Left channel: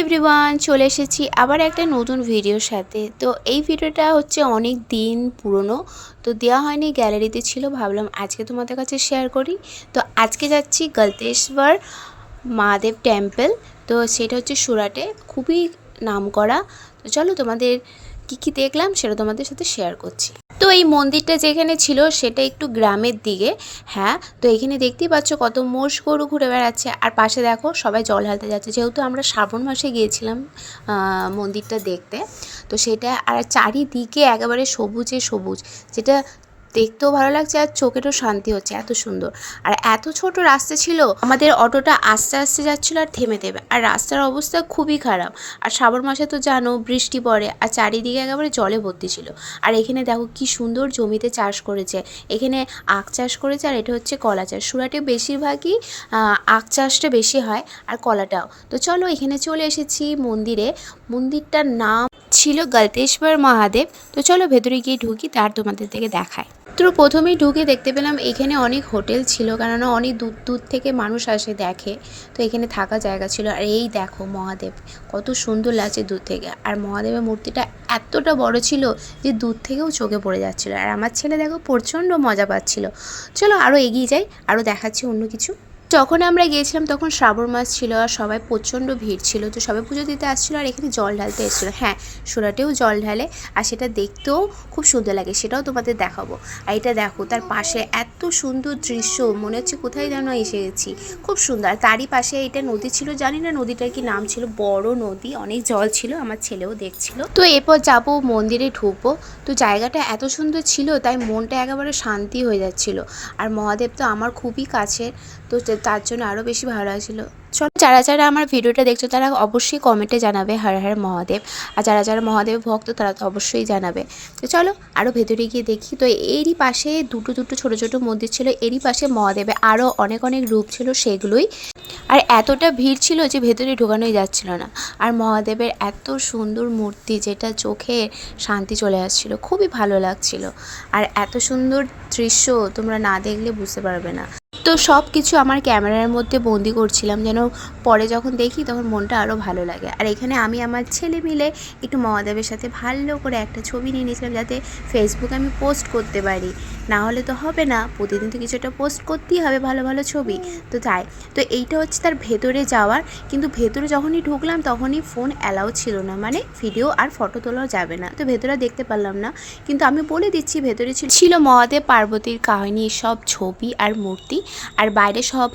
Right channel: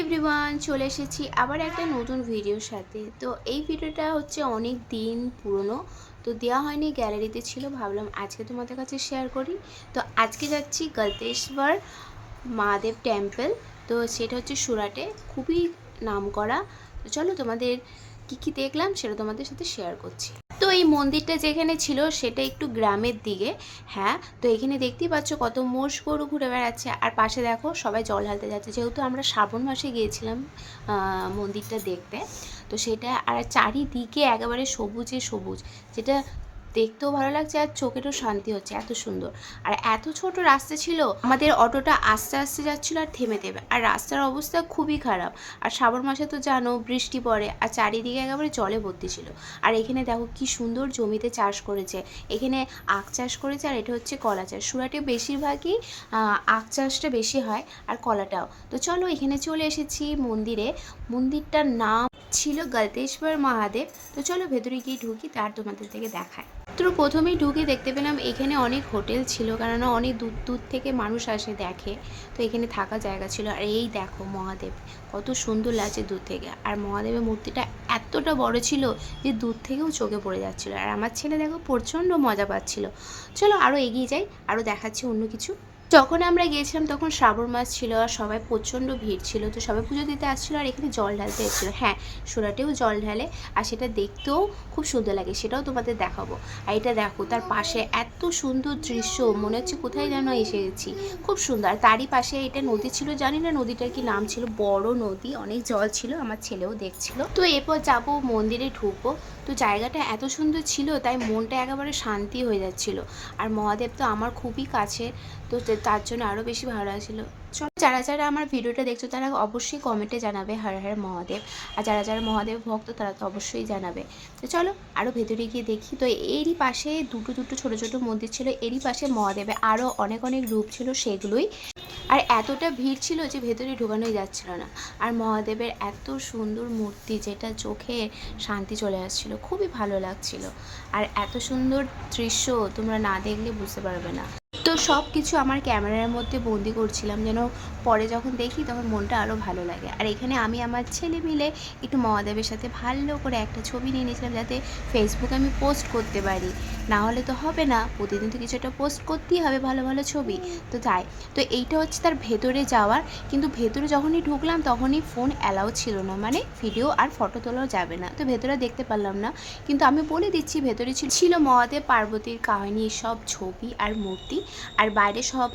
Everyone, চলে এসেছি আবার একটা নতুন ভিডিওর সাথে। তো এই ভিডিওটা হচ্ছে অনেক দিন পুরনো, তো দেওয়া হয়নি, গ্যালারিতে ছিল, ভাবলাম আজকে তোমাদের কাছে শেয়ার করি। তো আজকে যাচ্ছি গলতেশ্বর মহাদেব টেম্পল। তো সেটা হচ্ছে সুরাটে, খুবই নামকরা। তো চলো তোমাদের কী দেখলাম সেটা তোমাদের সাথে শেয়ার করছি। তো এই মন্দিরটা যেখানে ছিল সেটা একটু গ্রামের দিকে। হ্যাঁ, তো এখানে দেখতেই পাচ্ছ কত মোষ গরু ঘুরে বেড়াচ্ছে, আর পাশে দেখো সবাই জল ঢালতে যাচ্ছে, যেহেতু আমরা শ্রাবণ মাসে গিয়েছিলাম মন্দিরটা দেখতে। তো সেটা আর চারিদিকে একেবারে সবুজে সবুজ, যেটা দেখতেও ভালো লাগছে আর চোখেরও শান্তি হচ্ছে, এত সুন্দর। আর এত ছোট রাস্তা ছিল, আমাদের অটোটা আস্তে আস্তে যাচ্ছিলো আর থেমে থেমে, আর রাস্তার অবস্থা খুবই খারাপ। আর শ্রাবণ মাসে তো জানো বৃষ্টি পড়ে, আর চারিদিকে একেবারে জলে ভর্তি ছিল। আর এখানে দেখো কি সুন্দর জমিতে চাষ করেছে, এখানে আখ চাষ করেছে, আর এটা হচ্ছে কলা চাষ। সুরাটে বেশিরভাগই আখ চাষটা বেশি হয়, আর কলাটাও। তো চলো এখানে চলে এসেছি মন্দিরে। মন্দিরটার নাম ছিল গলতেশ্বর মহাদেব। তো চলো ভেতরে গিয়ে ঢুকি, তার তোমাদের থেকে দেখায়। তো প্রথমেই ঢুকে দেখতে পেলাম এখানে অনেক হোটেল ছিল, কেননা অনেক দূর দূর থেকে মানুষ আসে দেখে, তো এখানে থাকা জায়গা ছিল। আর এই দেখো মহাদেব কত সুন্দর লাগছে দূর থেকে, আর মহাদেবের মূর্তিটা এতটা বড় ছিল যে দূর থেকেও চোখে পড়ে যাচ্ছিলো। আর আমার ছেলে দেখো প্রচণ্ড মজা পাচ্ছিল। চলো আরও এগিয়ে যাই, আরও দেখাচ্ছি অন্য কিছু। যখন আমরা গিয়েছিলাম তখন শ্রাবণ মাস ছিল, আর সবাই প্রচণ্ড ভিড় ছিল, তো সবাই পুজো দিতে আসছিলো, আর এখানে জল ঢালতে এসেছিলো। হ্যাঁ, সুরাটেও জল ঢালে, আর সেটা দেখতেও খুব সুন্দর লাগে, সেটাও তোমাদের দেখাবো। আর এটা দেখো, তার পাশে এত সুন্দর দৃশ্য, মনে হচ্ছে কোথায় যেন এসে গেছি, খুব সুন্দর। আর তারই পাশে এটা নদী ছিল, জানি না নদীটার কি নাম ছিল, বড় নদী, অনেক জল ছিল, আমার ছেলেও দেখছিল। তো এরপর যাবো মন্দিরে ঢুকবো। তো জায়গাটা এত সুন্দর ছিল, তাই মনটা একেবারে শান্তি হয়ে যাচ্ছিল। আর মহাদেব তো আমার খুবই কাছে, তো তার জন্য আরও বেশি ভালো লাগছিলো। চলো, যারা যারা আমার ভিডিওটা দেখছো তারা অবশ্যই কমেন্টে জানাবে হর হর মহাদেব, আর যারা যারা মহাদেব ভক্ত তারা তো অবশ্যই জানাবে। তো চলো আরও ভেতরে গিয়ে দেখি। তো এরই পাশে দুটো ছোটো ছোটো মন্দির ছিল, এরই পাশে মহাদেবের আরও অনেক অনেক রূপ ছিল, সেগুলোই। আর এতটা ভিড় ছিল যে ভেতরে ঢোকানোই যাচ্ছিল না। আর মহাদেবের এত সুন্দর মূর্তি, যেটা চোখে শান্তি চলে আসছিল, খুবই ভালো লাগছিল। আর এত সুন্দর দৃশ্য তোমরা না দেখলে বুঝতে পারবে না। তো সব কিছু আমার ক্যামেরার মধ্যে বন্দি করছিলাম, যেন পরে যখন দেখি তখন মনটা আরও ভালো লাগে। আর এখানে আমি আমার ছেলে মিলে একটু মহাদেবের সাথে ভালো করে একটা ছবি নিয়ে নিয়েছিলাম, যাতে ফেসবুকে আমি পোস্ট করতে পারি, না হলে তো হবে না, প্রতিদিন তো কিছু একটা পোস্ট করতেই হবে, ভালো ভালো ছবি। তো তাই, তো এইটা হচ্ছে তার ভেতরে যাওয়ার, কিন্তু ভেতরে যখনই ঢুকলাম তখনই ফোন অ্যালাউ ছিল না, মানে ভিডিও আর ফটো তোলাও যাবে না। তো ভেতরে দেখতে পারলাম না, কিন্তু আমি বলে দিচ্ছি ভেতরে ছিল মহাদেব পার্বতীর কাহিনী, সব ছবি আর মূর্তি, আর বাইরে সব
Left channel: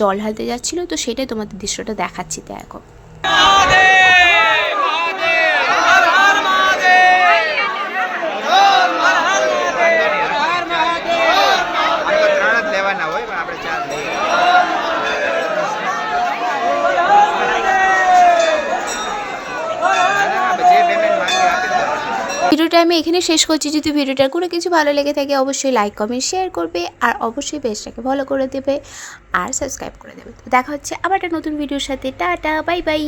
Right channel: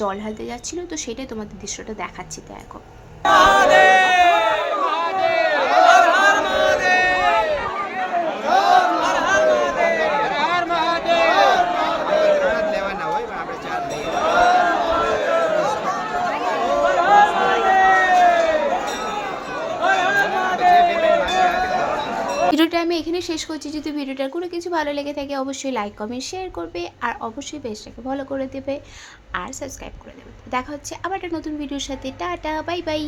জল ঢালতে যাচ্ছিলো। তো সেটাই তোমাদের দৃশ্যটা দেখাচ্ছি, দেখো। ভিডিওটা আমি এখানে শেষ করছি। যদি ভিডিওটার কোনো কিছু ভালো লেগে থাকে অবশ্যই লাইক কমেন্ট শেয়ার করবে, আর অবশ্যই পেজটাকে ফলো করে দেবে আর সাবস্ক্রাইব করে দেবে। তো দেখা হচ্ছে আবার একটা নতুন ভিডিওর সাথে। Tata, bye bye.